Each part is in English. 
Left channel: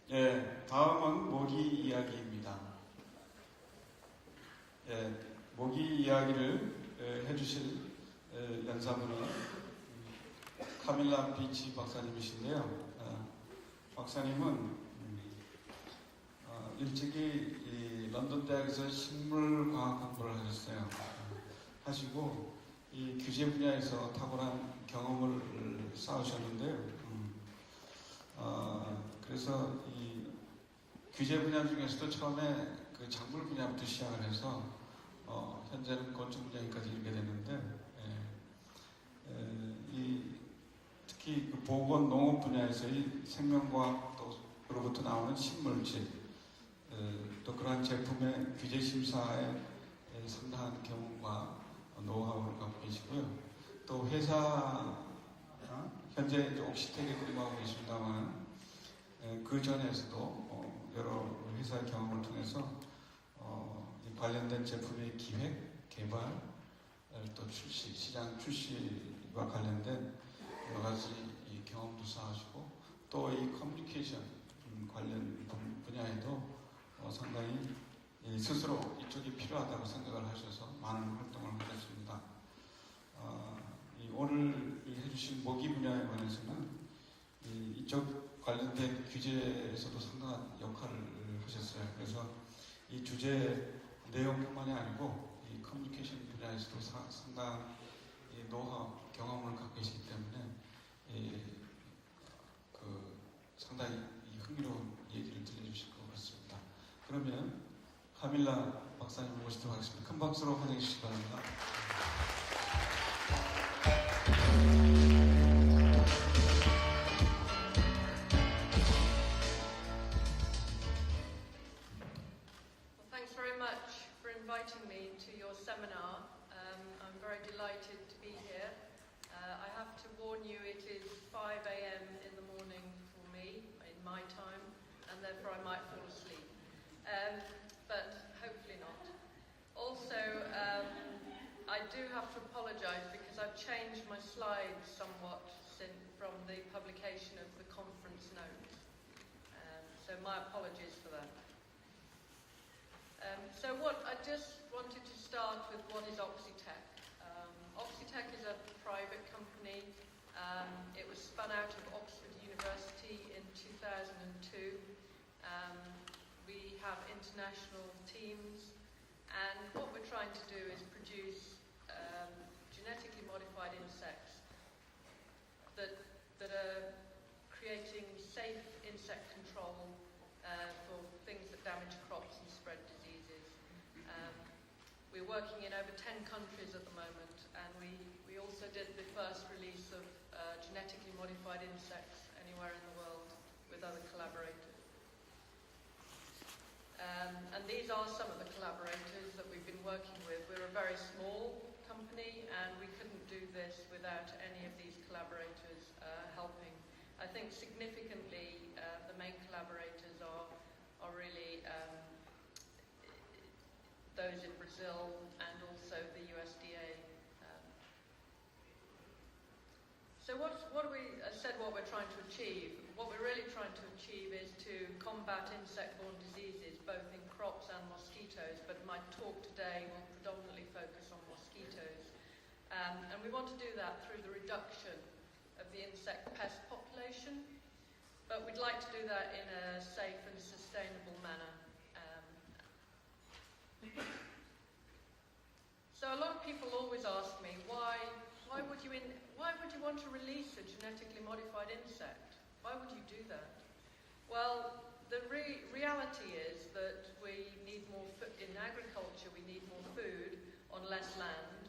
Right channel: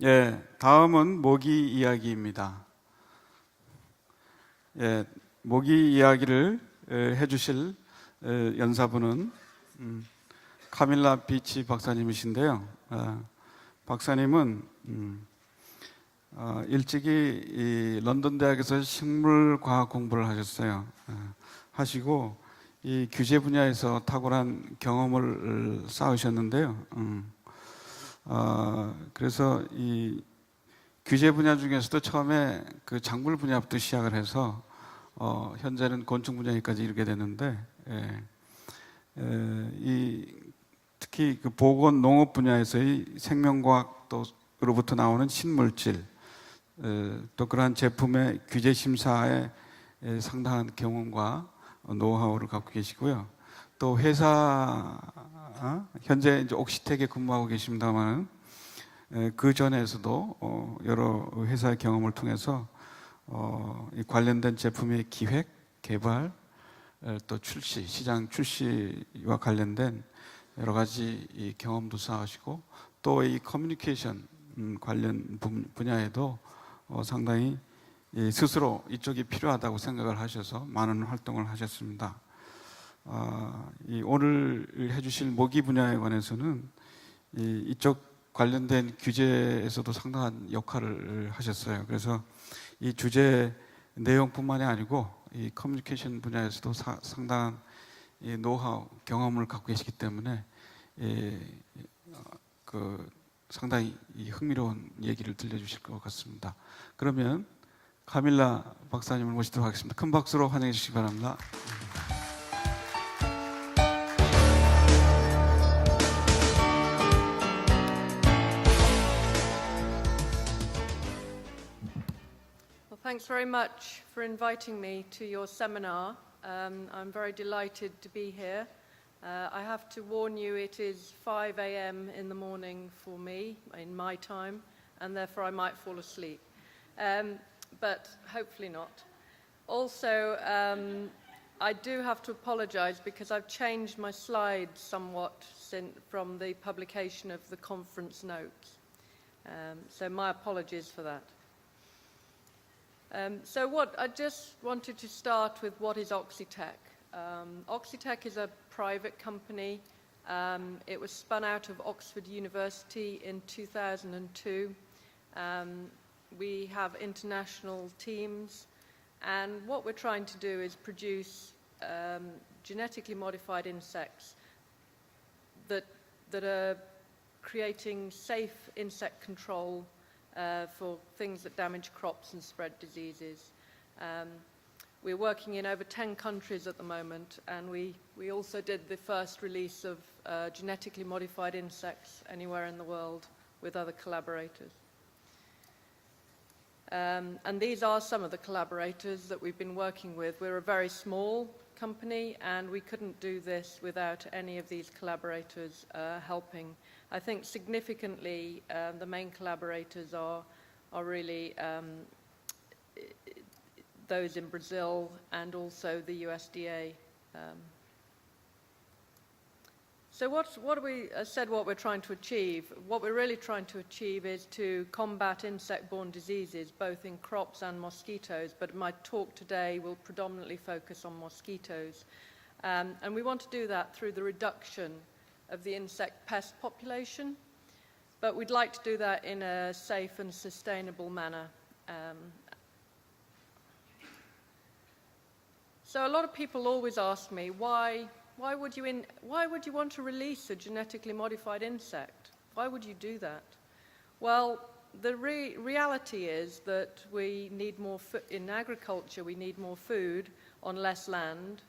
예, 다음은 모기 이야기입니다. 예, 모기 이야기를 해주실 연사분은 카밀라 비치 박사님이신데요. 박사님은 일찍이 이 런던 대학에서 식물과학 공부를 하셨어요. 하시고 이 규제 분야에서 탁월한 경험을 쌓으셨는데요. 그래서 이 규제 분야 중에서도 처음에 그 작물 분야부터 시작을 해서 현재는 곤충 분야까지 이르게 되는데, 특히 그 보건 농업 분야에서의 생명과학으로부터 나오는 신물질, 또 그러한 제품의 규제 심사에 상당한 경험과 노하우를 갖고 계시고요. 또 회사 현재 이제 옥시텍에 근무하고 계십니다만 그 전에서도 여러 회사의 경험을 통해서 관련된 제품의 기획, 개발, 또 출시, 시장 출시와 관련된 여러 가지 이 경험도 쌓으시고 또 이 커뮤니케이션 관련 분야에도 상당히 스스로 이쪽이 필요하다고 생각을 하셔서 많은 활동을 하셨습니다. 오늘 해주실 모기 분야에 관해서는 이쪽 관련된 규제에서도 상당한 역할을 하셨어요. 그래서 이 주제 내용뿐만이 아니고 이 커뮤니케이션 분야에서도 상당한 노하우, 경험을 갖고 계시기 때문에 상당히 흥미로운 얘기를 들려주실 것 같습니다. 그러면 카밀라 박사님을 모시도록 하겠습니다. 큰 박수로 환영해 주시기 바랍니다. Thanks very much for inviting me to your seminar. I'm very delighted to be here. I have to warn you, it is 5 a.m. in the morning for me, in my time, and therefore I might fall asleep. But hopefully not. Also, I do have to apologize because I've changed my slides somewhat from the publication of the conference notes. So my apologies for that. I just wanted to start with what is Oxitec. Oxitec is a private company. It was spun out of Oxford University in 2002. We have international teams, and what we're trying to do is produce genetically modified insects that are creating safe insect control for things that damage crops and spread diseases. We're working in over 10 countries at the moment, and we also did the first release of genetically modified insects anywhere in the world with other collaborators. And these are some of the collaborators that we've been working with. We're a very small company, and we couldn't do this without any of these collaborators helping. I think significantly the main collaborators are really those in Brazil and also the USDA. So what we're trying to achieve? What we're really trying to achieve is to combat insect-borne diseases, both in crops and mosquitoes, but my talk today will predominantly focus on mosquitoes. And we want to do that through the reduction of the insect pest population, but we'd like to do that in a safe and sustainable manner. So a lot of people always ask me, why would you want to release a genetically modified insect? Why would you do that? Well, the reality is that we need more in agriculture. We need more food on less land.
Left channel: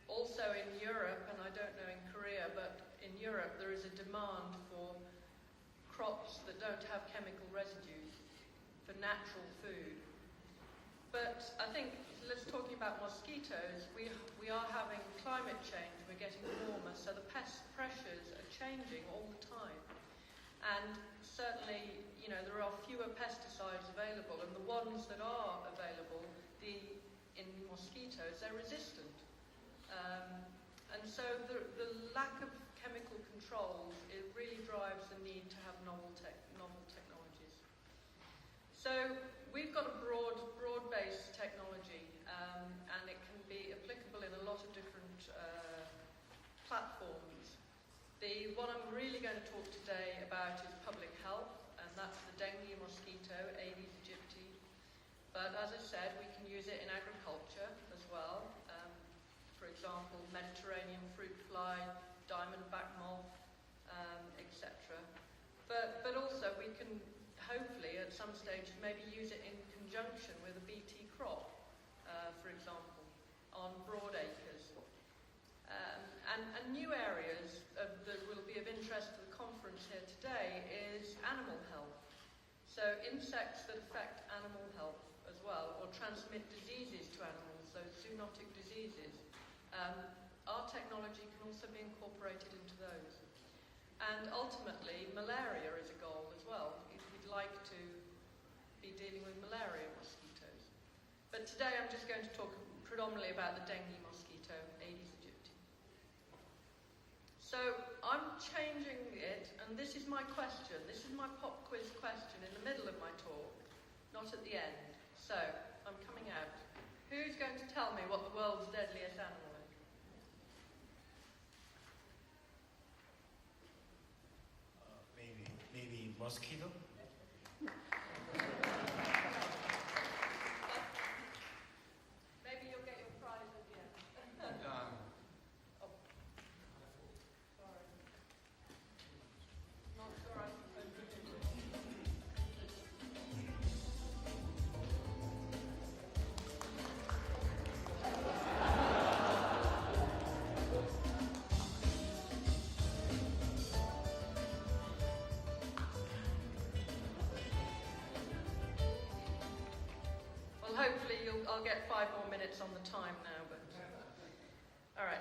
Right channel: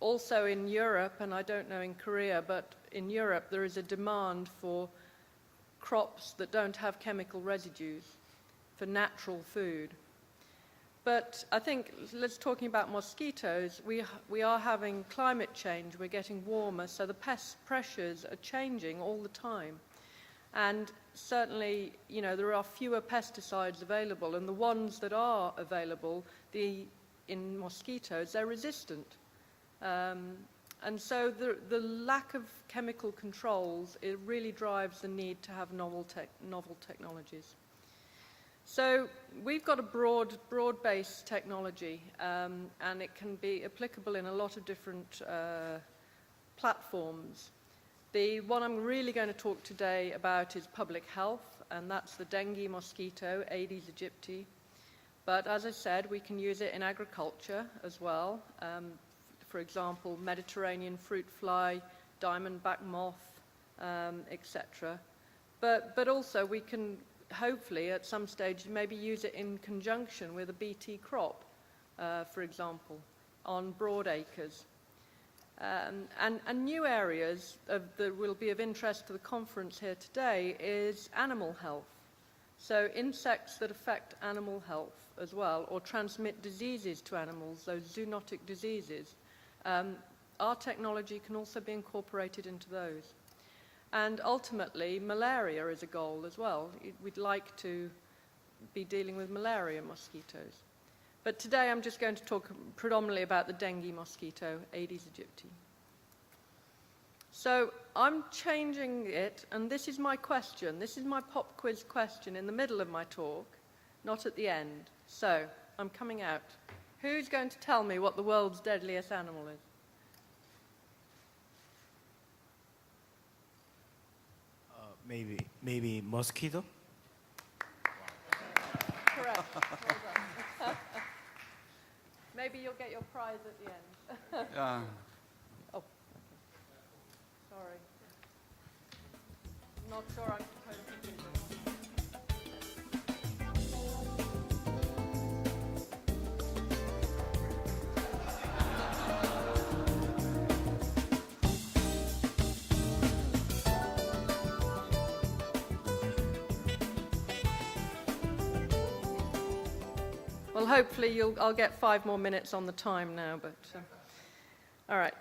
Also in Europe, and I don't know in Korea, but in Europe there is a demand for crops that don't have chemical residues, for natural food. But I think, let's talking about mosquitoes, we are having climate change, we're getting warmer, so the pest pressures are changing all the time. And certainly, there are fewer pesticides available, and the ones that are available, in mosquitoes, they're resistant. and so the lack of chemical controls, it really drives the need to have novel technologies. So we've got a broad-based technology, and it can be applicable in a lot of different platforms. The one I'm really going to talk today about is public health, and that's the dengue mosquito, Aedes aegypti. But as I said, we can use it in agriculture as well. For example, Mediterranean fruit fly, diamondback moth, etc. But also we can hopefully at some stage maybe use it in conjunction with a BT crop, for example, on broad acres. And new areas that will be of interest to the conference here today is animal health. So insects that affect animal health as well, or transmit diseases to animals, those zoonotic diseases. Our technology can also be incorporated into those. And ultimately, malaria is a goal as well. We'd like to be dealing with malaria mosquitoes. But today I'm just going to talk predominantly about the dengue mosquito, Aedes aegypti. So I'm changing it, and this is my question. This is my pop quiz question in the middle of my talk, not at the end. So I'm coming out. Who's going to tell me what the world's deadliest animal is? Maybe mosquito? Correct. Maybe you'll get your prize at the end. Yeah. Oh, sorry. Not sure I'm supposed to do this. Well, hopefully I'll get 5 more minutes on the time now, but all right.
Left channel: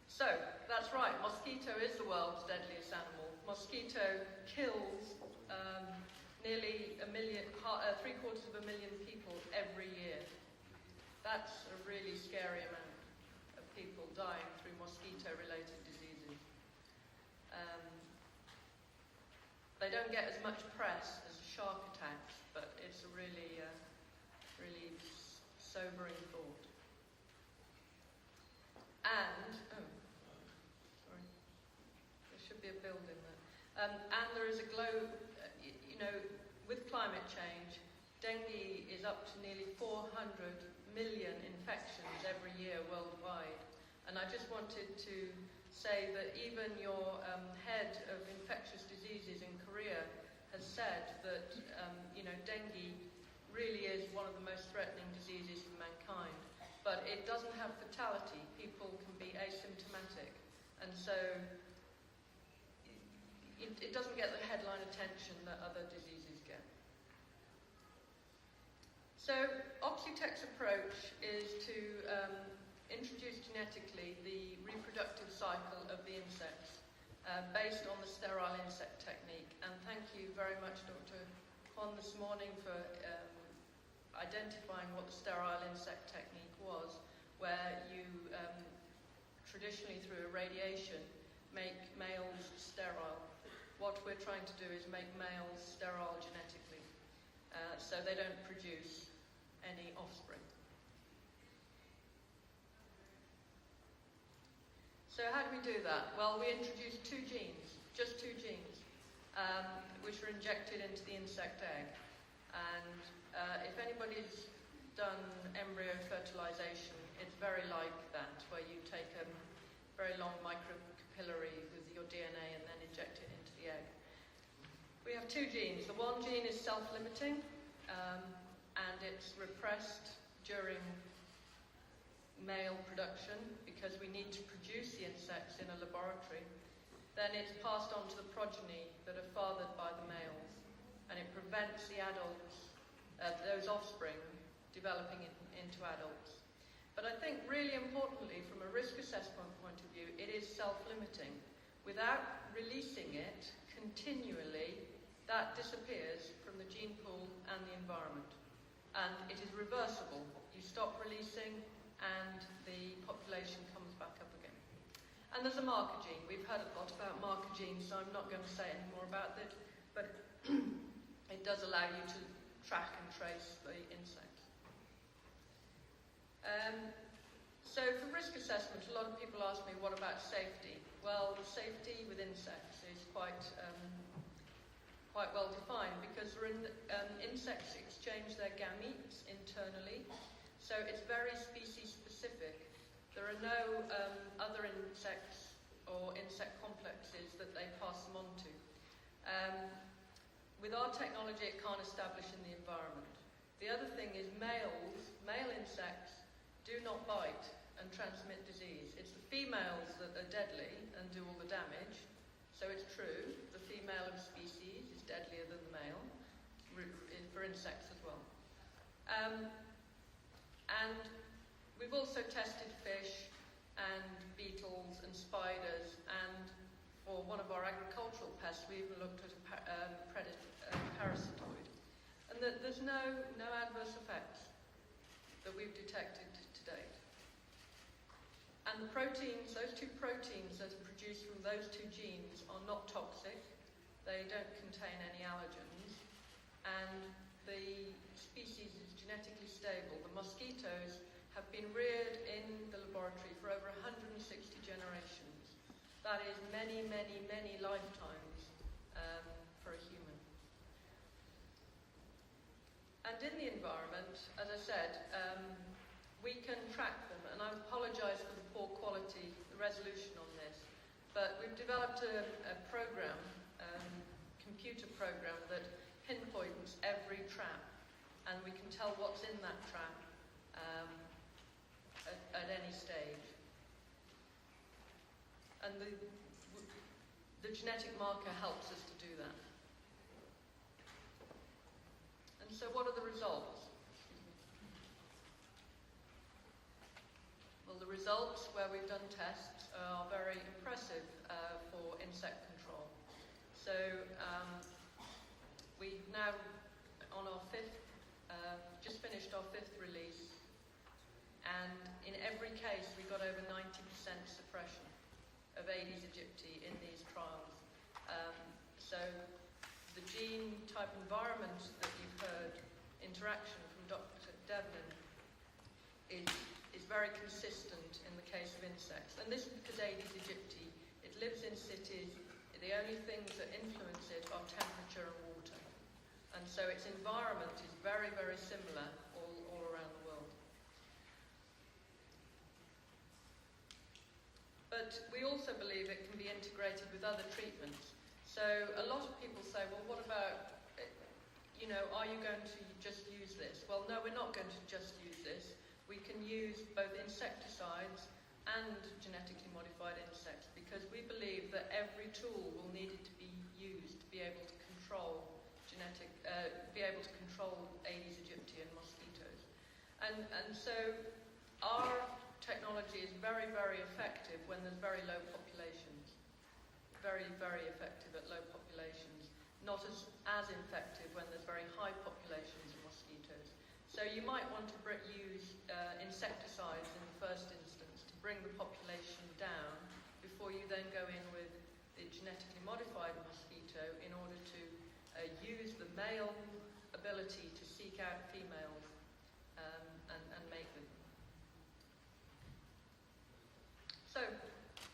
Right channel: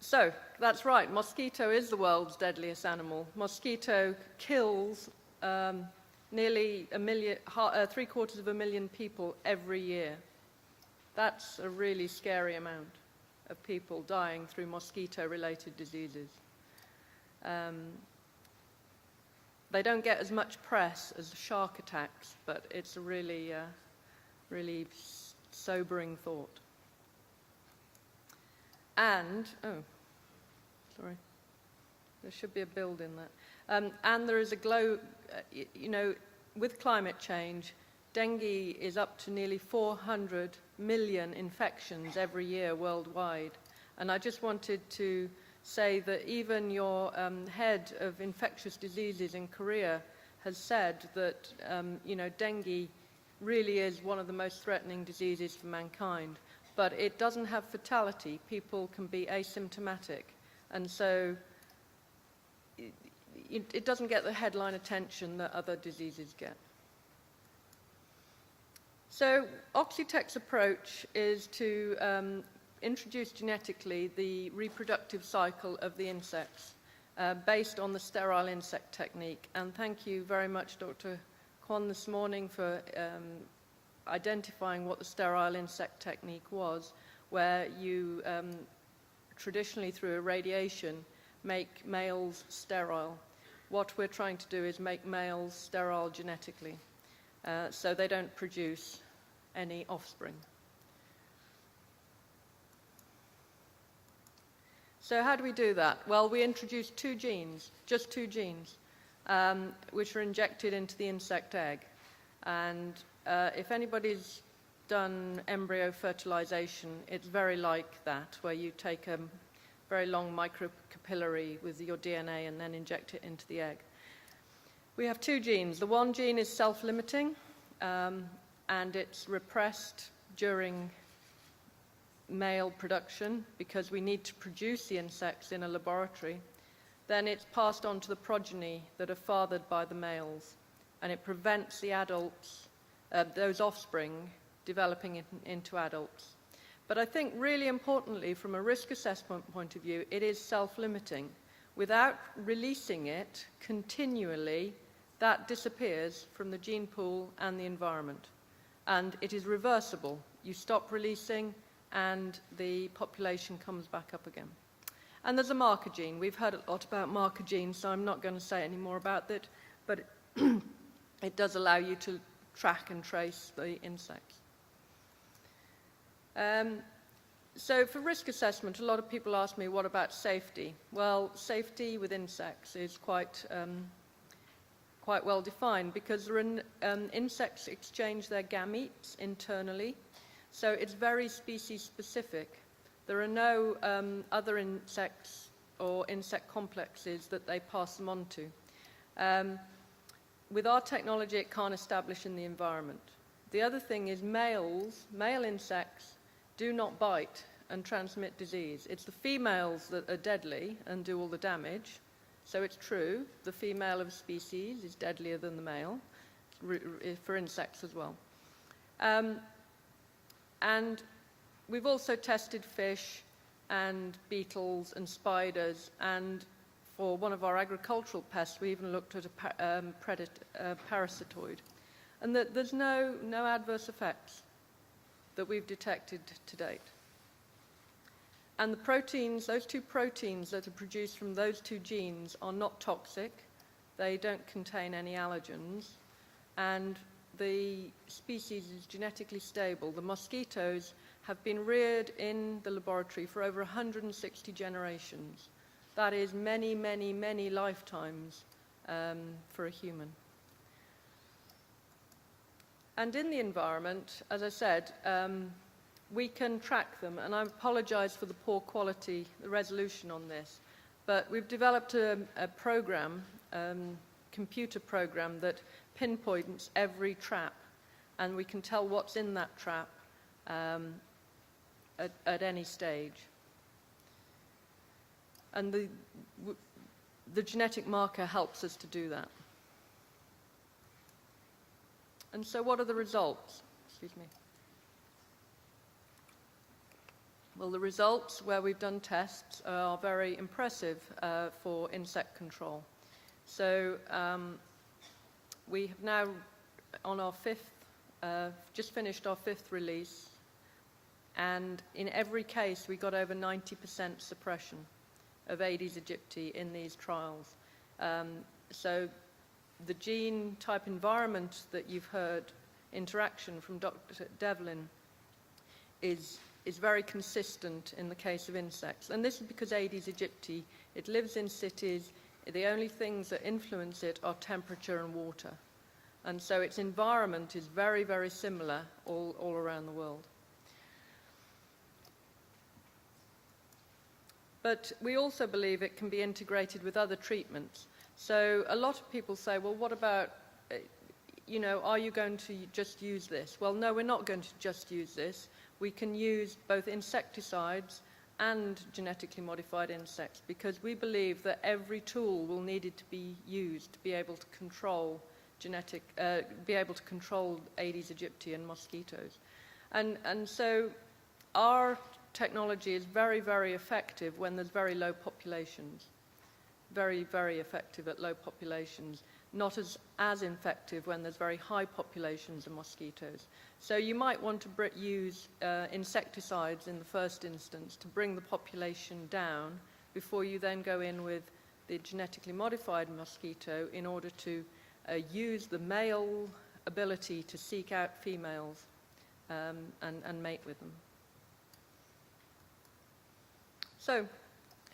So that's right, mosquito is the world's deadliest animal. Mosquito kills nearly 750,000 people every year. That's a really scary amount of people dying through mosquito-related diseases. They don't get as much press as shark attacks, but it's a really sobering thought. And, sorry, there should be a build in that. And there is a with climate change, dengue is up to nearly 400 million infections every year worldwide. And I just wanted to say that even your head of infectious diseases in Korea has said that, dengue really is one of the most threatening diseases for mankind. But it doesn't have fatality. People can be asymptomatic. And so it doesn't get the headline attention that other diseases get. So Oxitec's approach is to introduce genetically the reproductive cycle of the insects based on the sterile insect technique. And thank you very much, Dr. Kwon, this morning for identifying what the sterile insect technique was, where you traditionally through irradiation make males sterile. What we're trying to do is make males sterile genetically, so they don't produce any offspring. So how do we do that? Well, we introduce 2 genes, just 2 genes, which are injected into the insect egg. And if anybody's done embryo fertilization, it's very like that, where you take a very long microcapillary with your DNA and then inject it into the egg. We have 2 genes. The one gene is self-limiting, and it's repressed during male production because we need to produce the insects in a laboratory. Then it's passed on to the progeny that are fathered by the males, and it prevents the adults, those offspring, developing into adults. But I think really importantly, from a risk assessment point of view, it is self-limiting. Without releasing it continually, that disappears from the gene pool and the environment. And it is reversible. You stop releasing and the population comes back up again. And there's a marker gene. We've heard a lot about marker genes, so I'm not going to say any more about it, but it does allow you to track and trace the insects. So for risk assessment, a lot of people ask me, what about safety? Well, safety with insects is quite well defined, because insects exchange their gametes internally, so it's very species specific. There are no other insects or insect complexes that they pass them on to. With our technology, it can't establish in the environment. The other thing is male insects do not bite and transmit disease. It's the females that are deadly and do all the damage. So it's true, the female of a species is deadlier than the male, for insects as well. And we've also tested fish and beetles and spiders, and for one of our agricultural pests, we even looked at a parasitoid. And there's no adverse effects that we've detected to date. And the proteins, those two proteins that are produced from those two genes are not toxic. They don't contain any allergens. And the species is genetically stable. The mosquitoes have been reared in the laboratory for over 160 generations. That is many, many, many lifetimes for a human. And in the environment, as I said, we can track them, and I apologise for the poor quality, the resolution on this, but we've developed a program, computer program, that pinpoints every trap, and we can tell what's in that trap at any stage. And the genetic marker helps us to do that. And so what are the results? Excuse me. Well, the results where we've done tests are very impressive for insect control. So we have now, on our just finished our fifth release, and in every case we got over 90% suppression of Aedes aegypti in these trials. So the gene type environment that you've heard interaction from Dr. Devlin is very consistent in the case of insects. And this is because Aedes aegypti, it lives in cities. The only things that influence it are temperature and water. And so its environment is very, very similar all around the world. But we also believe it can be integrated with other treatments. So a lot of people say, well, what about, are you going to just use this? Well, no, we're not going to just use this. We can use both insecticides and genetically modified insects, because we believe that every tool will need it to be used to be able to control Aedes aegypti and mosquitoes. And so our technology is very, very effective when there's very low populations. Very, very effective at low populations. Not as effective when there's very high populations of mosquitoes. So you might want to use insecticides in the first instance to bring the population down before you then go in with the genetically modified mosquito in order to use the male ability to seek out females and mate with them. So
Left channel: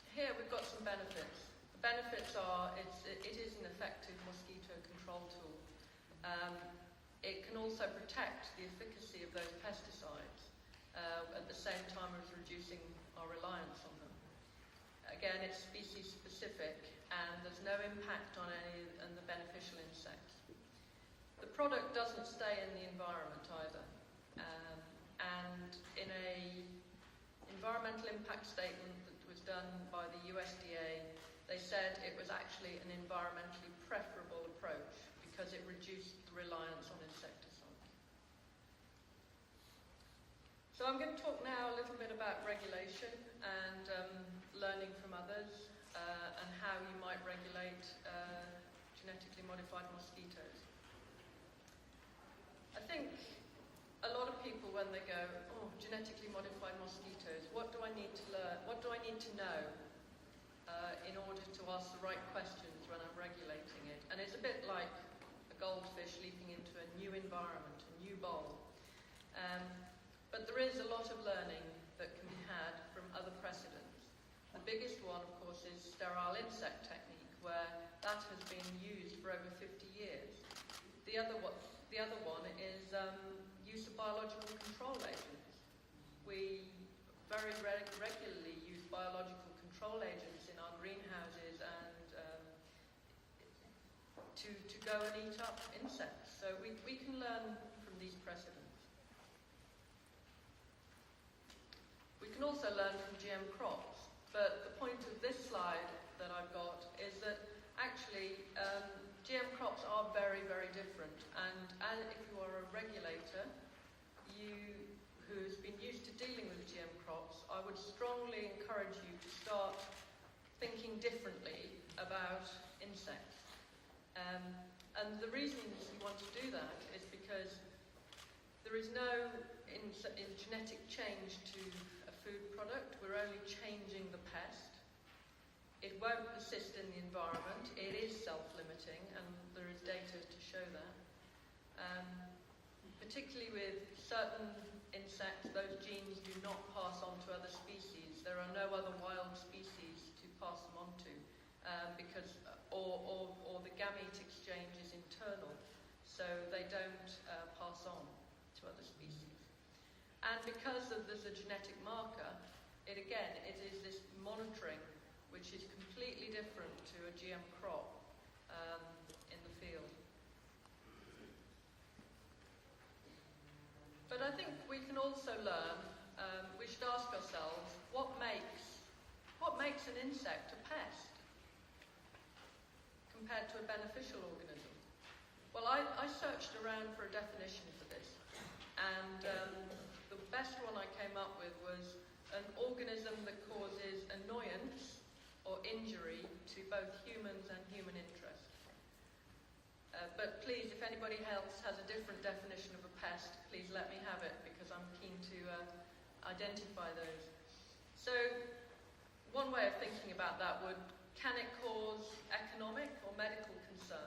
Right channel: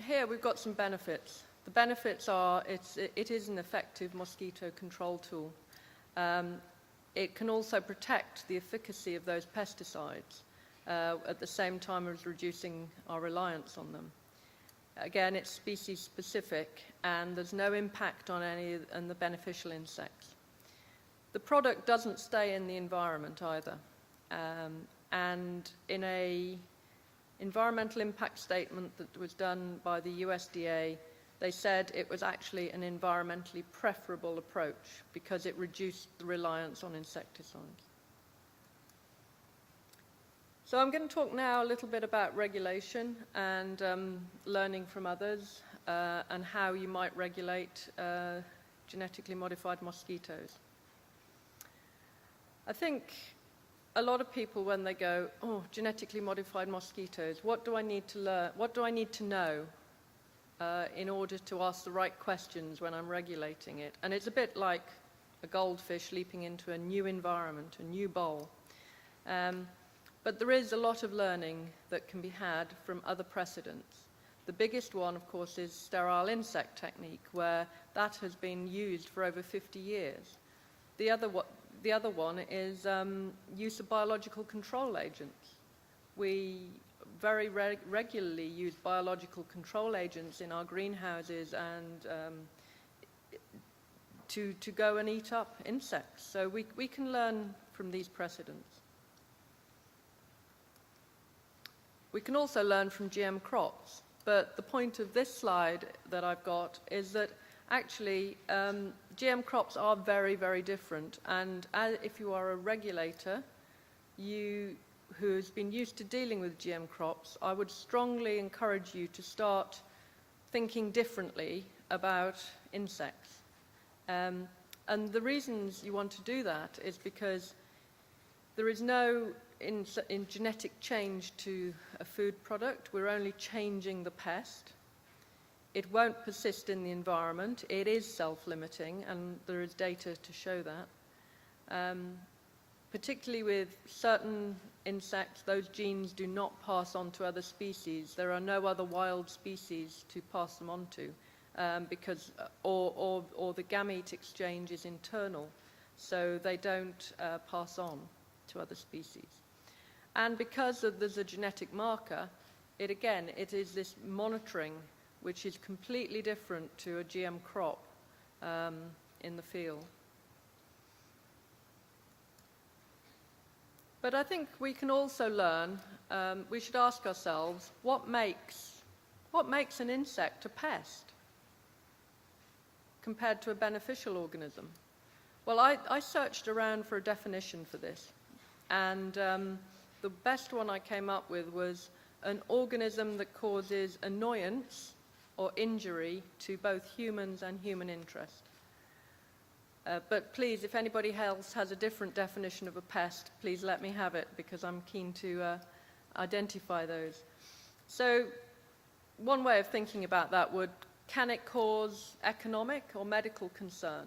here we've got some benefits. The benefits are it is an effective mosquito control tool. It can also protect the efficacy of those pesticides at the same time as reducing our reliance on them. Again, it's species specific, and there's no impact on any of the beneficial insects. The product doesn't stay in the environment either. And in a environmental impact statement that was done by the USDA, they said it was actually an environmentally preferable approach because it reduced the reliance on insecticides. So I'm going to talk now a little bit about regulation and learning from others and how you might regulate genetically modified mosquitoes. I think a lot of people, when they go, oh, genetically modified mosquitoes, what do I need to learn? What do I need to know in order to ask the right questions when I'm regulating it. And it's a bit like a goldfish leaping into a new environment, a new bowl. But there is a lot of learning that can be had from other precedents. The biggest one, of course, is sterile insect technique, where that has been used for over 50 years. The other one is use of biological control agents. We very regularly use biological control agents in our greenhouses and to go and eat up insects. So we can learn from these precedents. We can also learn from GM crops, but the point of this slide that I've got is that actually GM crops are very, very different, and if you are a regulator who's been used to dealing with GM crops, I would strongly encourage you to start thinking differently about insects. And the reasons you want to do that is because there is no in genetic change to a food product. We're only changing the pest. It won't persist in the environment. It is self-limiting, and there is data to show that. Particularly with certain insects, those genes do not pass on to other species. There are no other wild species to pass them on to, because or the gamete exchange is internal, so they don't pass on to other species. And because there's a genetic marker, it is this monitoring which is completely different to a GM crop in the field. But I think we can also learn, we should ask ourselves, what makes an insect a pest compared to a beneficial organism? Well, I searched around for a definition for this, and the best one I came up with was an organism that causes annoyance or injury to both humans and human interest. But please, if anybody else has a different definition of a pest, please let me have it, because I'm keen to identify those. So one way of thinking about that can it cause economic or medical concern?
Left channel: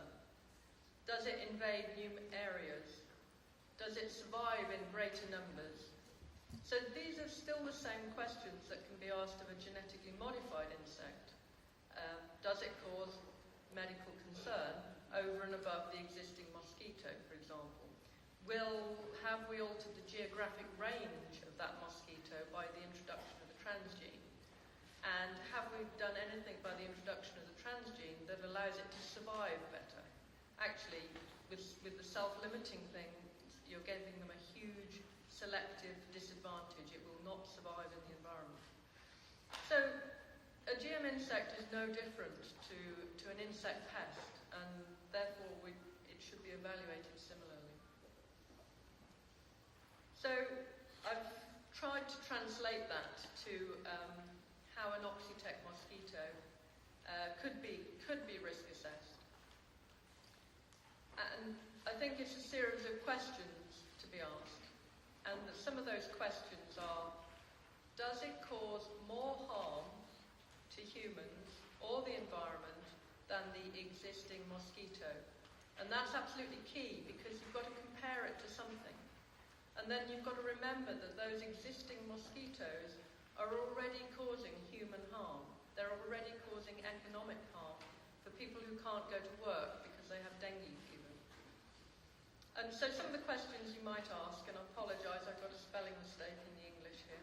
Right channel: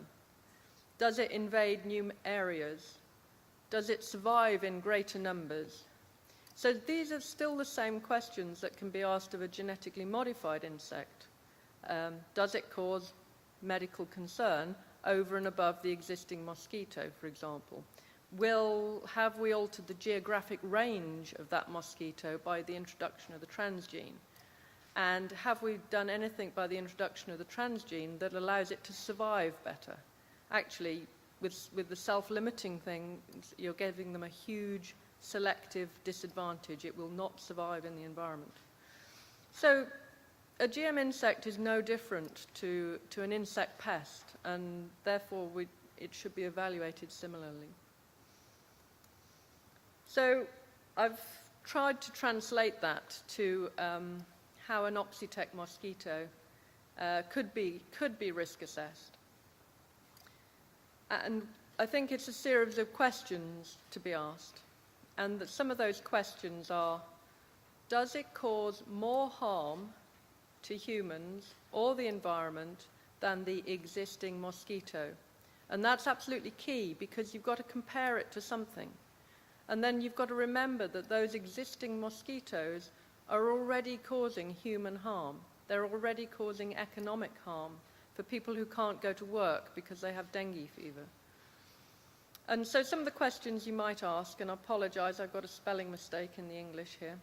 Does it invade new areas? Does it survive in greater numbers? So these are still the same questions that can be asked of a genetically modified insect. Does it cause medical concern over and above the existing mosquito, for example? Have we altered the geographic range of that mosquito by the introduction of the transgene? And have we done anything by the introduction of the transgene that allows it to survive better? Actually, with the self-limiting thing, you're giving them a huge selective disadvantage. It will not survive in the environment. So a GM insect is no different to an insect pest, and therefore it should be evaluated similarly. So I've tried to translate that to how an Oxitec mosquito could be risk assessed. And I think it's a series of questions to be asked. And that some of those questions are, does it cause more harm to humans or the environment than the existing mosquito? And that's absolutely key, because you've got to compare it to something. And then you've got to remember that those existing mosquitoes are already causing human harm. They're already causing economic harm for people who can't go to work because they have dengue fever. And so some of the questions you might ask, and I apologise, I've got a spelling mistake in the English here,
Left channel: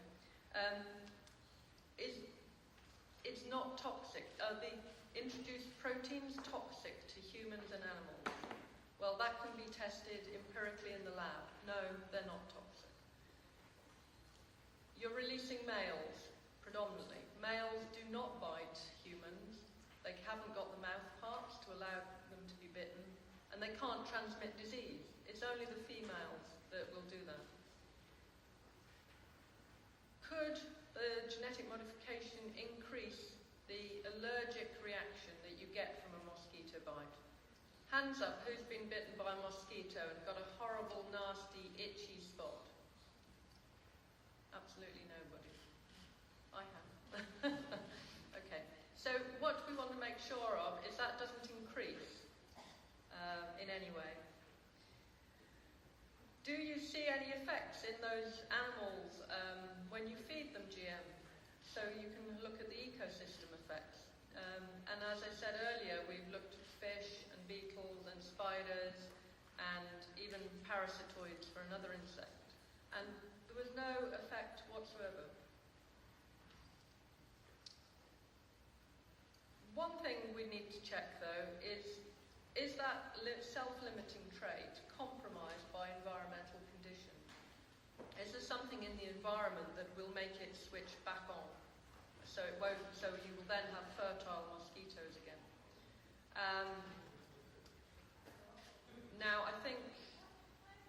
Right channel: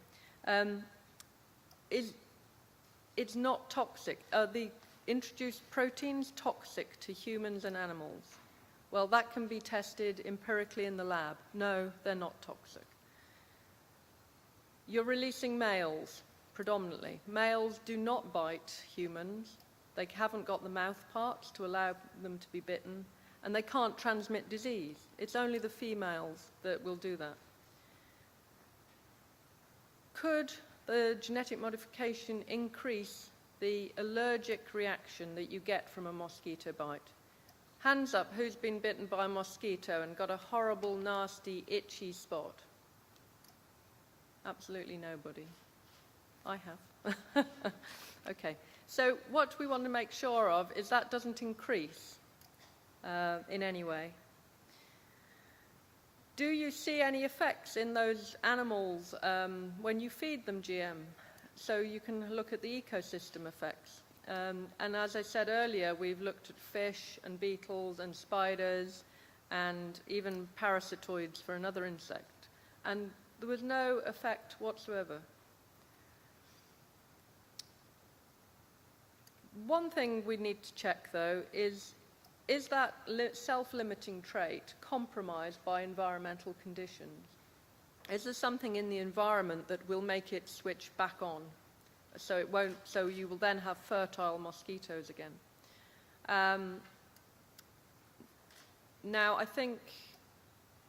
it's not toxic. Are the introduced proteins toxic to humans and animals? Well, that can be tested empirically in the lab. No, they're not toxic. You're releasing males, predominantly. Males do not bite humans. They haven't got the mouth parts to allow them to be bitten, and they can't transmit disease. It's only the females that will do that. Could the genetic modification increase the allergic reaction that you get from a mosquito bite? Hands up, who's been bitten by a mosquito and got a horrible, nasty, itchy spot? Absolutely nobody. I have. Okay. So what we want to make sure of is that doesn't increase in any way. Do you see any effects in those animals when you feed them GM? So you can look at the ecosystem effects. And as I said earlier, we've looked at fish and beetles and spiders and even parasitoids for another insect. And there was no effect whatsoever. One thing we need to check, though, is that self-limiting trait compromised by environmental conditions? Is there something in the environment that will make it switch back on? So you will then have fertile mosquitoes again. Now, I think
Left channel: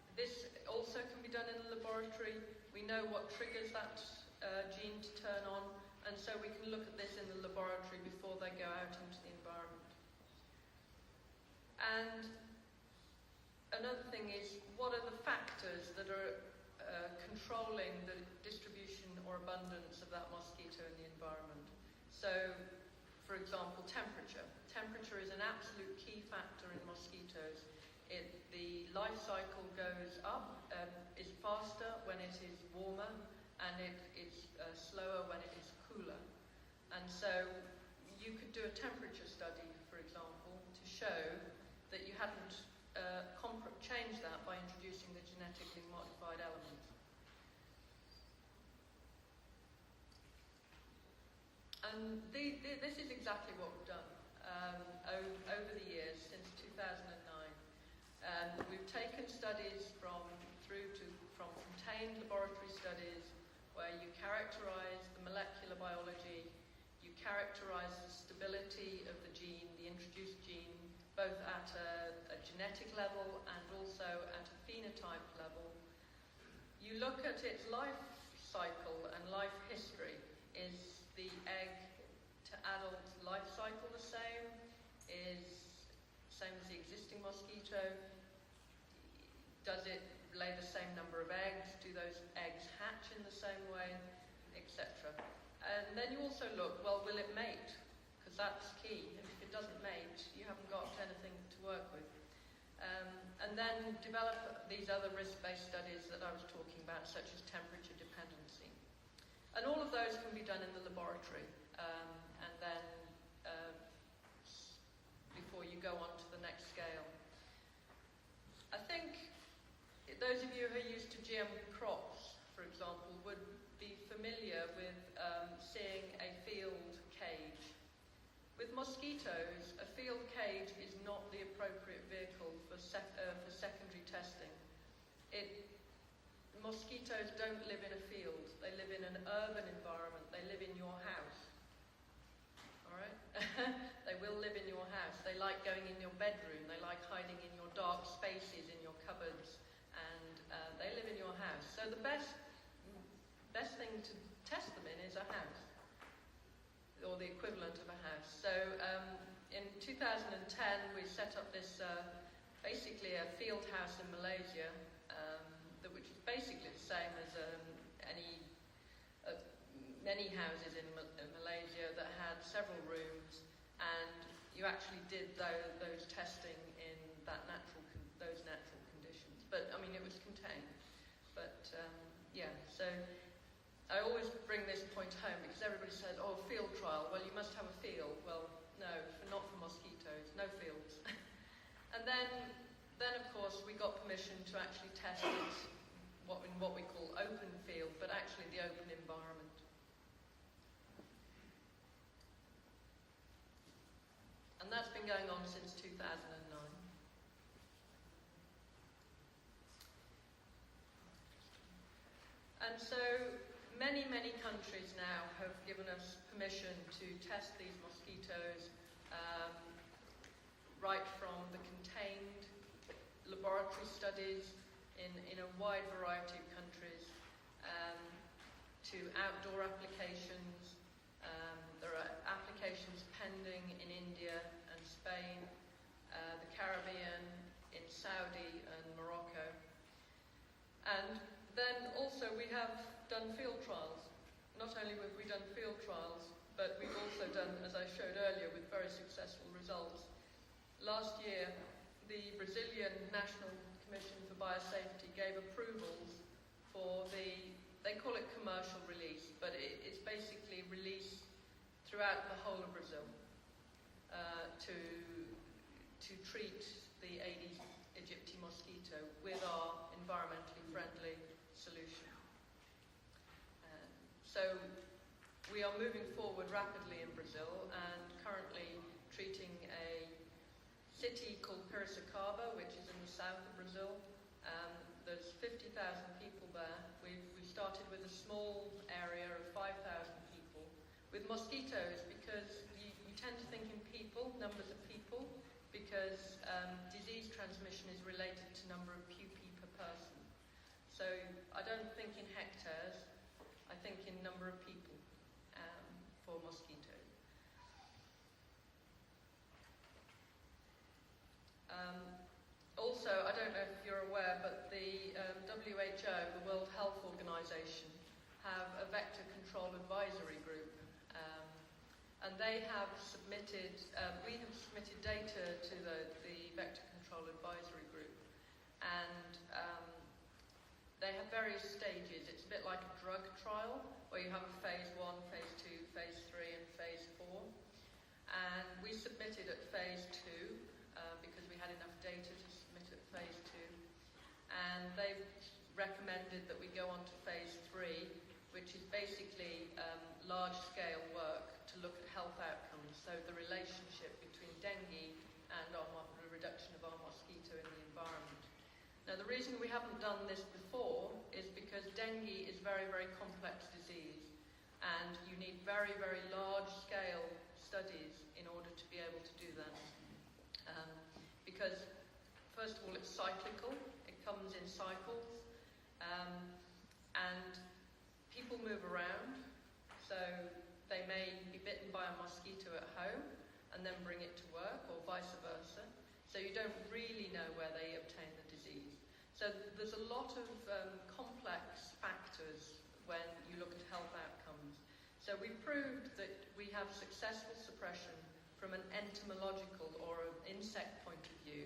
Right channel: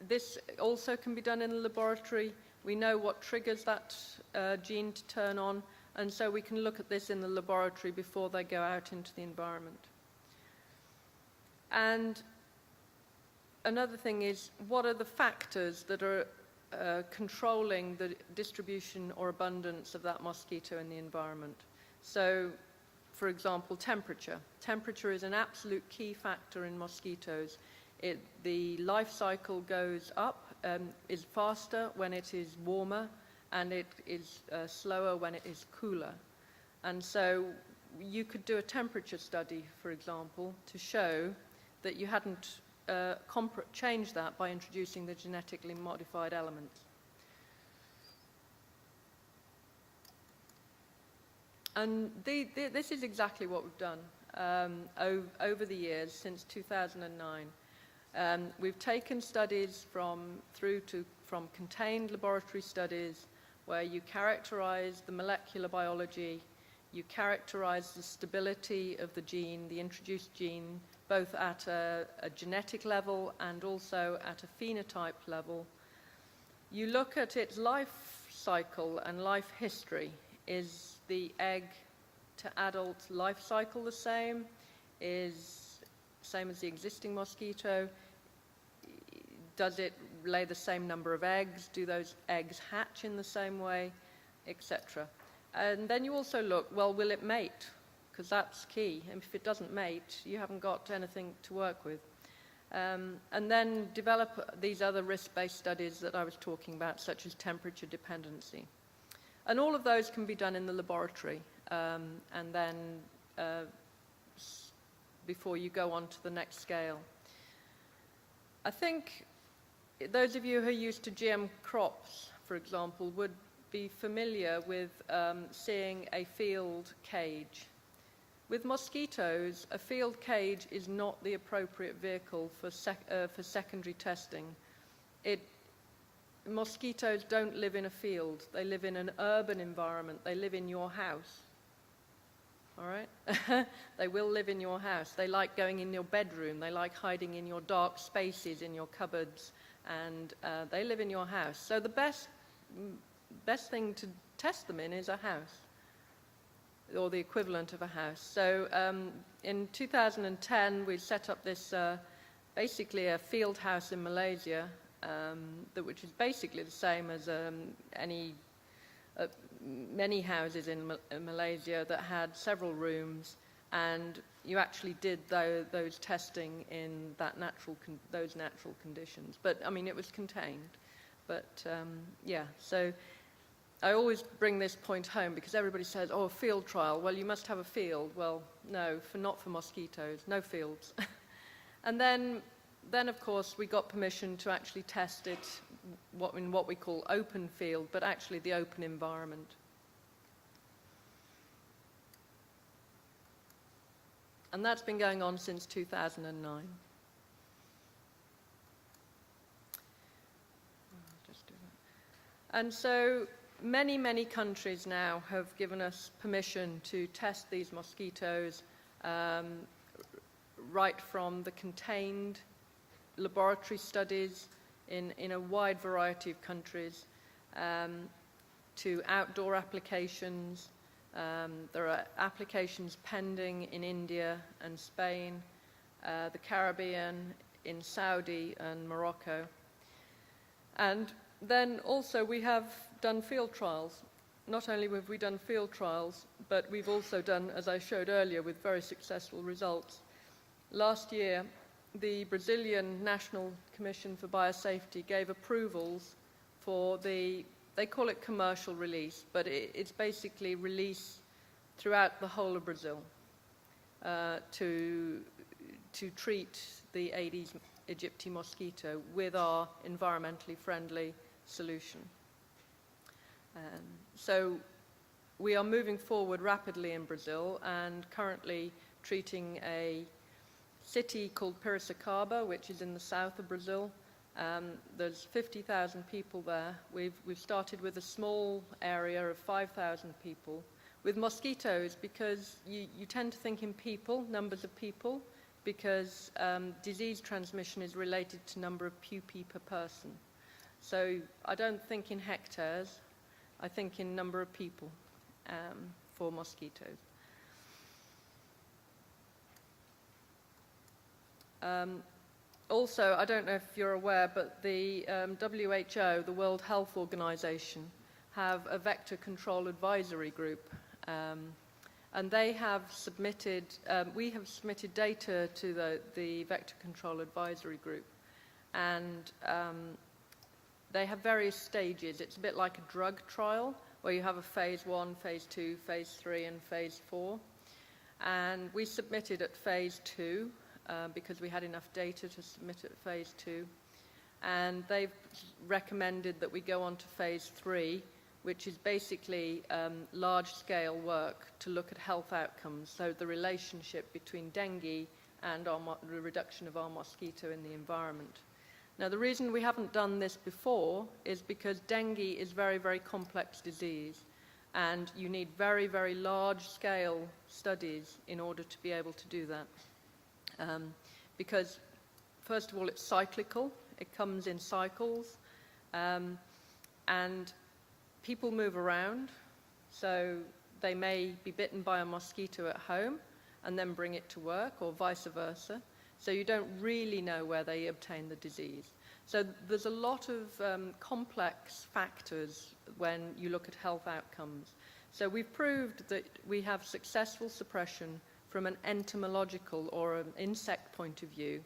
this also can be done in the laboratory. We know what triggers that gene to turn on, and so we can look at this in the laboratory before they go out into the environment. And another thing is, what are the factors that are controlling the distribution or abundance of that mosquito in the environment? So, for example, temperature. Temperature is an absolute key factor in mosquitoes. The life cycle goes up, is faster when it is warmer, and it is slower when it is cooler. And so you could do a temperature study, for example, to show that you hadn't changed that by introducing the genetically modified element. And this is exactly what we've done over the years since 2009. We've taken studies from contained laboratory studies where you characterize the molecular biology, you characterize the stability of the gene, the introduced gene, both at a genetic level and also at a phenotype level. You look at its life cycle and life history. Is the egg to adult life cycle the same? Is same as the existing mosquito? Does it lay the same number of eggs? Do those eggs hatch in the same way? Etc. And then you also look, well, will it mate? Because that's key. And if it doesn't mate, you haven't got anything to work with. And then develop these other risk-based studies that I was talking about, such as temperature dependency. And all of those can be done in the laboratory, and then before you go on to the next scale. I think those of you who are used to GM crops, for example, would be familiar with seeing a field cage. With mosquitoes, a field cage is not the appropriate vehicle for secondary testing. Mosquitoes don't live in a field. They live in an urban environment. They live in your house. All right? They will live in your house. They like going in your bedroom. They like hiding in your dark spaces, in your cupboards, and they live in your house. So the best thing to test them in is a house, or the equivalent of a house. So in 2010, we set up this, basically a field house in Malaysia, which is basically the same as many houses in Malaysia that had several rooms, and you actually did those testing in those natural conditions. But I mean, it was contained. But yeah, so I always bring this point home because everybody says, "Oh, a field trial. Well, you must have a field." Well, no, not for mosquitoes. No fields. And then of course we got permission to actually test it in what we call open field, but actually the open environment. And that's been going on since 2009. And so many countries now have given us permission to test these mosquitoes, right from the contained laboratory studies in a wide variety of countries, to outdoor applications. There are applications pending in India and Spain, the Caribbean, in Saudi and Morocco. And then also we have done field trials. Not only have we done field trials, but we've also done, as I showed earlier, with very successful results. Last year, the Brazilian National Commission for Biosafety gave approvals for they call it commercial release, but it's basically release throughout the whole of Brazil to treat the Aedes aegypti mosquito with our environmentally friendly solution. So we are moving forward rapidly in Brazil and currently treating a city called Piracicaba, which is in the south of Brazil. There's 50,000 people there. We've started with a small area of 5,000 people with mosquitoes, because you tend to think in people, numbers of people, because disease transmission is related to number of pupae per person. So I don't think in hectares, I think in number of people for mosquitoes. Also, I don't know if you're aware, but the WHO, the World Health Organization, have a vector control advisory group. And they have submitted, we have submitted data to the vector control advisory group. And they have various stages. It's a bit like a drug trial, where you have a phase 1, phase 2, phase 3, and phase 4. And we submitted at phase 2, because we had enough data to submit at phase 2. And they've recommended that we go on to phase 3, which is basically large-scale work to look at health outcomes, so the relationship between dengue and the reduction of our mosquito in the environment. Now, the reason we haven't done this before is because dengue is very, very complex disease, and you need very, very large-scale studies in order to be able to do that. Because, first of all, it's cyclical, it comes in cycles, and people move around, so they may be bitten by a mosquito at home and then bring it to work, or vice versa. So you don't really know where they obtain the disease. So there's a lot of complex factors when you look at health outcomes. So we've proved that we have successful suppression from an entomological or an insect point of view.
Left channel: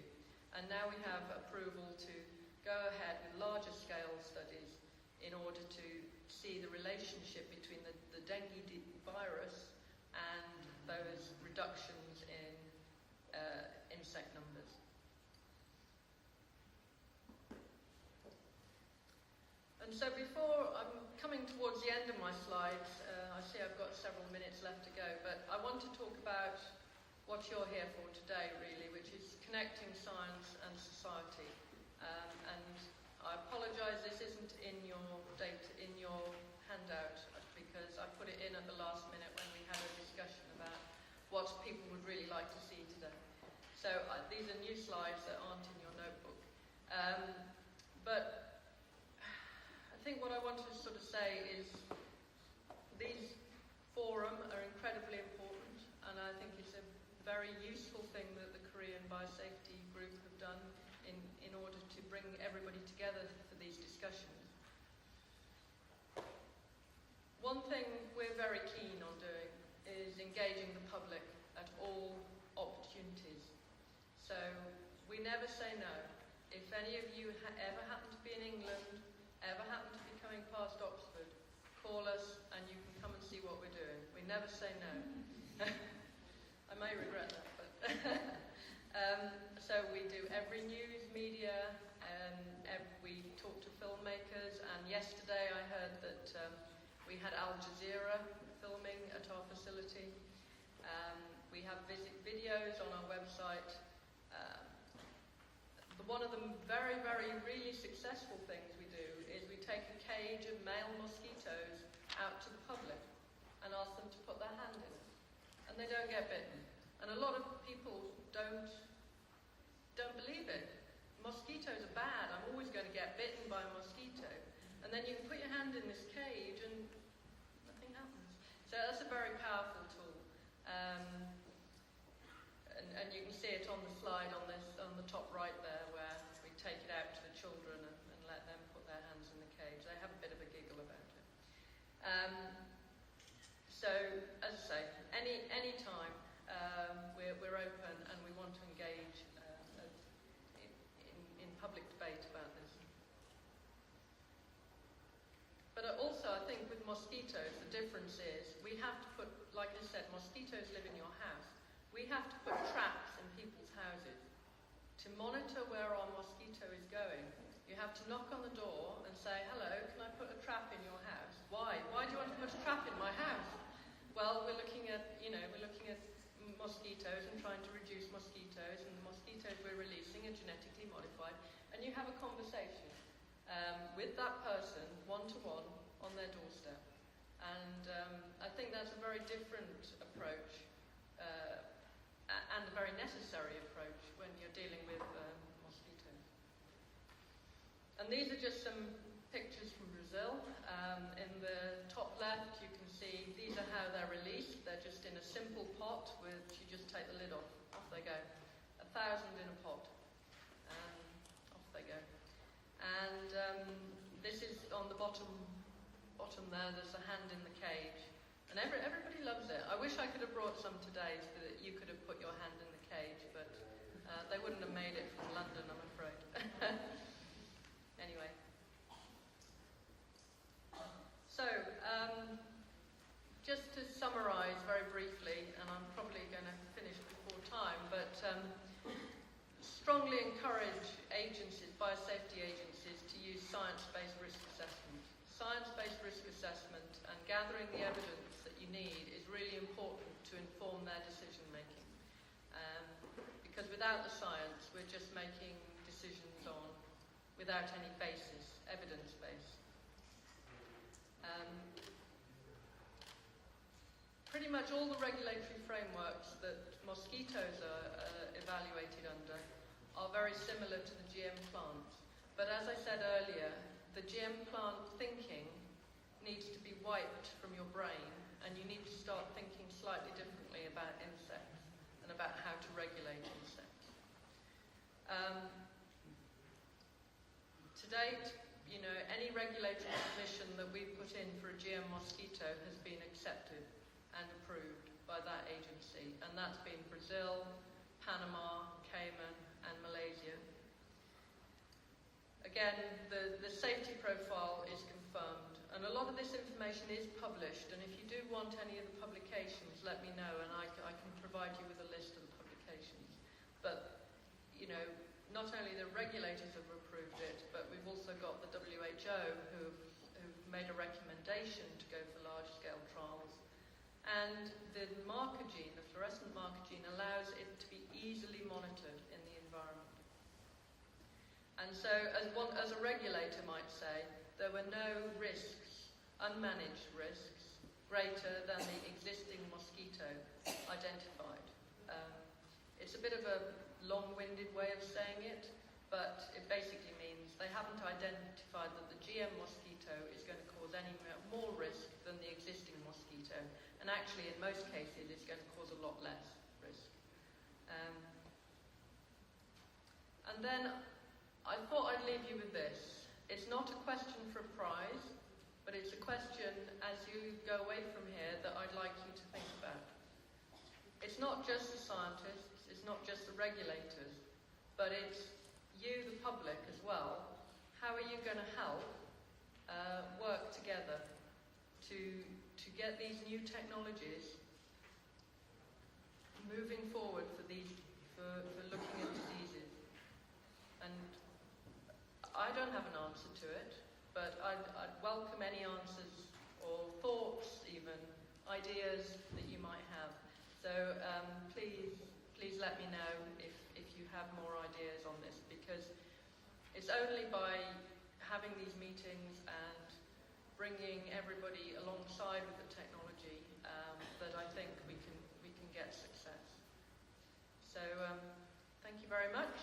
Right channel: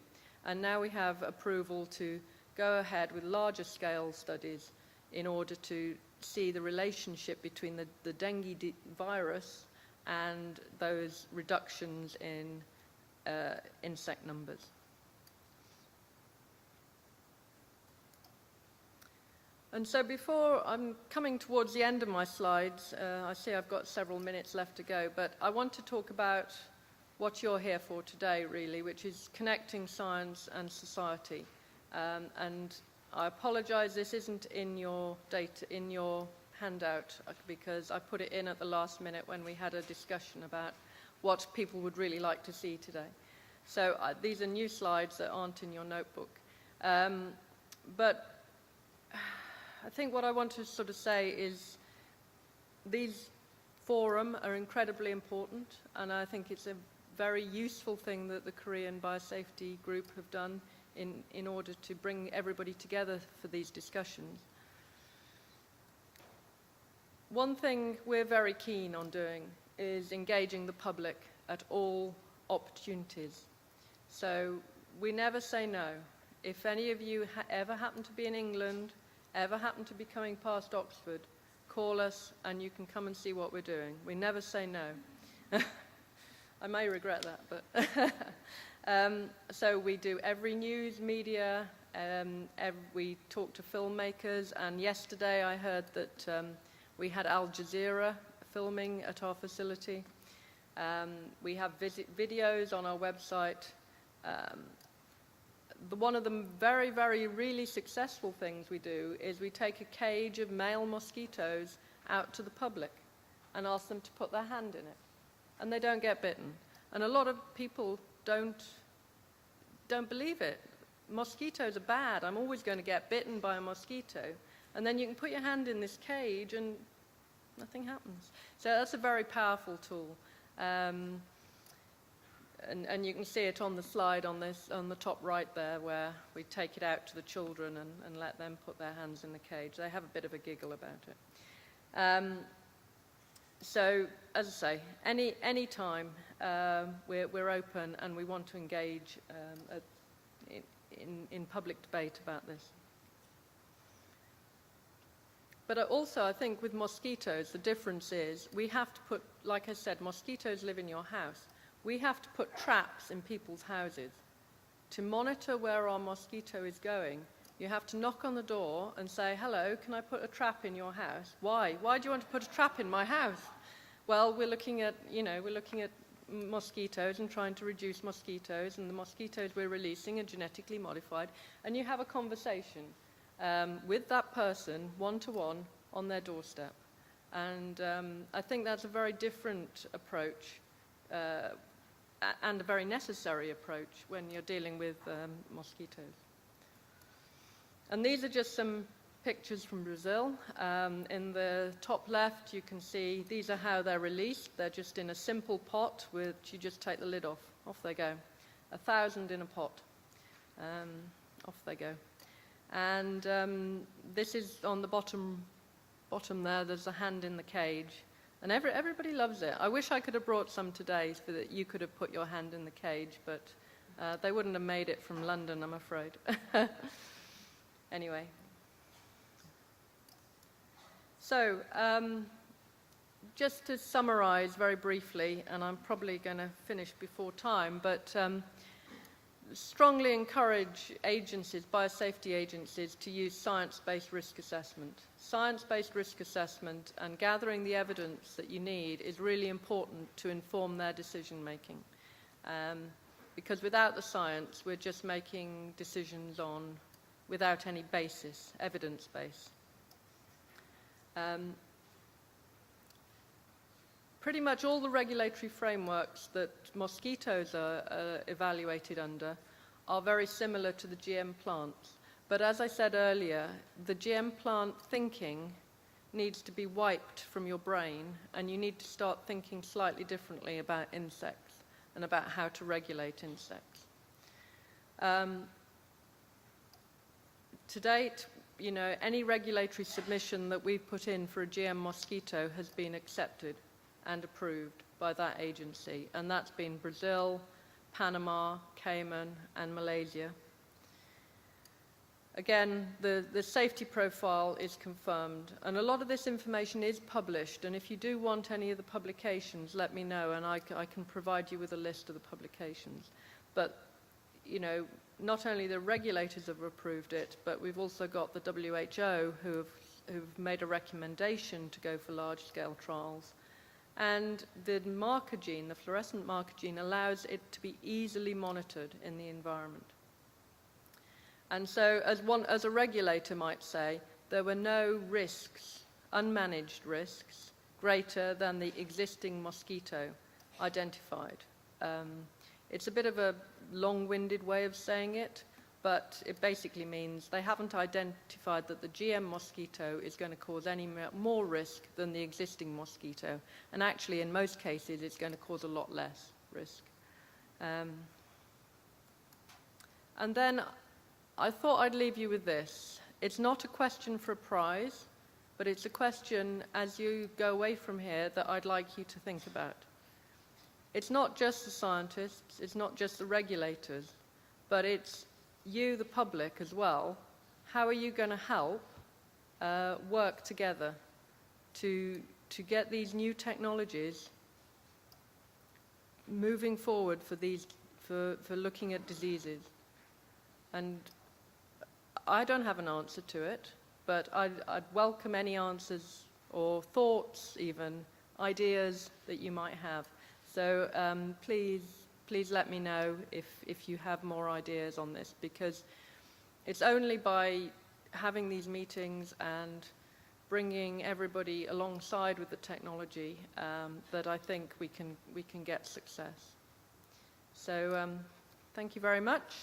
And now we have approval to go ahead with larger scale studies in order to see the relationship between the dengue virus and those reductions in insect numbers. And so before I'm coming towards the end of my slides, I see I've got several minutes left to go, but I want to talk about what you're here for today, really, which is connecting science and society. And I apologise, this isn't in your data, in your handout, because I put it in at the last minute when we had a discussion about what people would really like to see today. So these are new slides that aren't in your notebook. But I think what I want to sort of say is these forums are incredibly important, and I think it's a very useful thing that the Korean Biosafety Group have done in order to bring everybody together for these discussions. One thing we're very keen on doing is engaging the public at all opportunities. So we never say no. If any of you ever happen to be in England, ever happen to be coming past Oxford, call us and you can come and see what we're doing. We never say no. I may regret that, but so we do every news, media, we talk to filmmakers, and yesterday I heard that we had Al Jazeera filming at our facility. We have videos on our website. One of the very, very, really successful things we do is we take a cage of male mosquitoes out to the public and ask them to put their hand in it. And they don't get bitten. And a lot of people don't believe it. Mosquitoes are bad. I'm always going to get bitten by a mosquito. And then you can put your hand in this cage and nothing happens. So that's a very powerful tool. And you can see it on the slide on the top right there, where we take it out to the children and let them put their hands in the cage. They have a bit of a giggle about it. So, as I say, any time we're open and we want to engage in public debate about this. But also, I think with mosquitoes, the difference is we have to put, like I said, mosquitoes live in your house. We have to put traps in people's houses. To monitor where our mosquito is going, you have to knock on the door and say, hello, can I put a trap in your house? Why? Why do you want to put a trap in my house? Well, we're looking at mosquitoes and trying to reduce mosquitoes, and the mosquitoes we're releasing are genetically modified, and you have a conversation with that person, one-to-one, on their doorstep. And I think that's a very different approach and a very necessary approach when you're dealing with mosquitoes. And these are just some pictures from Brazil. In the top left, you can see these are how they're released. They're just in a simple pot, which you just take the lid off. Off they go. 1,000 in a pot. Off they go. And this is on the bottom there. There's a hand in the cage. And everybody loves it. I wish I could have brought some today so that you could have put your hand in the cage, but they wouldn't have made it from London, I'm afraid. Anyway. So, just to summarise very briefly, and I'm probably going to finish before time, but strongly encourage agencies, biosafety agencies, to use science-based risk assessment. Science-based risk assessment and gathering the evidence that you need is really important to inform their decision-making. Because without the science, we're just making decisions without any basis, evidence base. Pretty much all the regulatory frameworks that mosquitoes are evaluated under are very similar to the GM plants. But as I said earlier, the GM plant thinking needs to be wiped from your brain, and you need to start thinking slightly differently about insects and about how to regulate insects. To date, any regulatory submission that we've put in for a GM mosquito has been accepted and approved by that agency, and that's been Brazil, Panama, Cayman, and Malaysia. Again, the safety profile is confirmed, and a lot of this information is published, and if you do want any of the publications, let me know, and I can provide you with a list of the publications. But, not only the regulators have approved it, but we've also got the WHO who've made a recommendation to go for large-scale trials. And the marker gene, the fluorescent marker gene, allows it to be easily monitored in the environment. And so, as a regulator might say, there were no risks, unmanaged risks, greater than the existing mosquito identified. It's a bit of a long-winded way of saying it, but it basically means they haven't identified that the GM mosquito is going to cause any more risk than the existing mosquito, and actually in most cases it's going to cause a lot less risk. And then I thought I'd leave you with this. It's not a question for a prize, but it's a question as you go away from here that I'd like you to think about. It's not just the scientists, it's not just the regulators, but it's you, the public, as well. How are you going to help work together to get these new technologies moving forward for looking at diseases? And I don't have an answer to it, but I'd welcome any answers or thoughts, even ideas that you might have. So please let me know if you have more ideas on this, because it's only by having these meetings and bringing everybody alongside with the technology that I think we can get success. So thank you very much,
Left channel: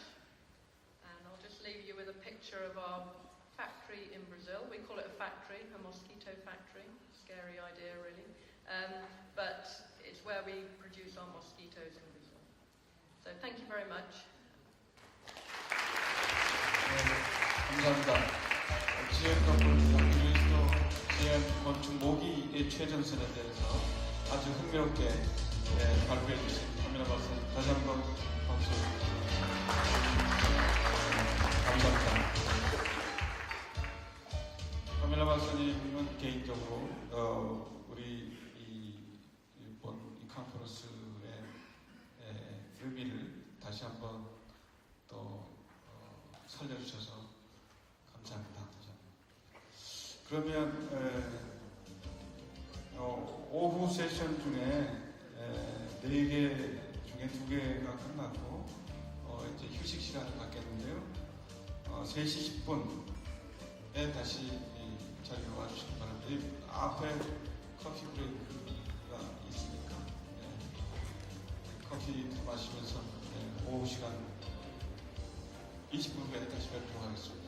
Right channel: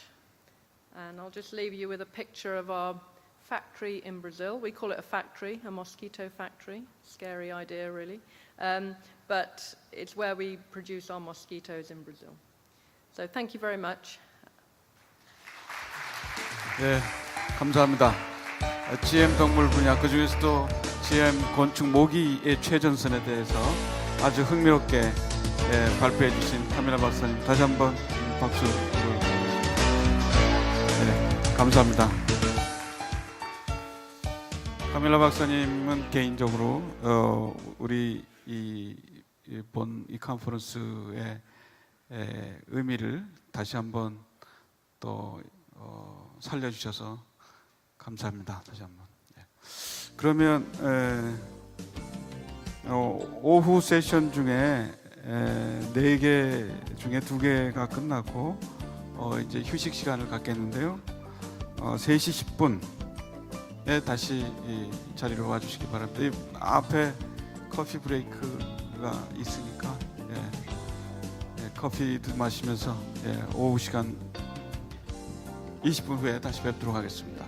and I'll just leave you with a picture of our factory in Brazil. We call it a factory, a mosquito factory. Scary idea, really. But it's where we produce our mosquitoes in Brazil. So thank you very much. 네, 감사합니다. GM 동물 분야, 그 중에서도 CM 건축 모기의 최전선에 대해서 아주 흥미롭게 발표해 주신 카밀라 박사님 다시 한번 박수. 네, 감사합니다. 카밀라 박사님은 개인적으로 우리 본 이 컨퍼런스의 의미를 다시 한번 또 살려주셔서 감사합니다. 다시 한번. 그러면 오후 세션 중에 4개 중에 2개가 끝났고 이제 휴식 시간을 갖겠는데요. 3시 10분에 다시 이 자리로 와주시기 바랍니다. 이 앞에 커피 브레이크가 있으니까 커피도 마시면서 오후 시간 20분 후에 다시 뵙도록 하겠습니다.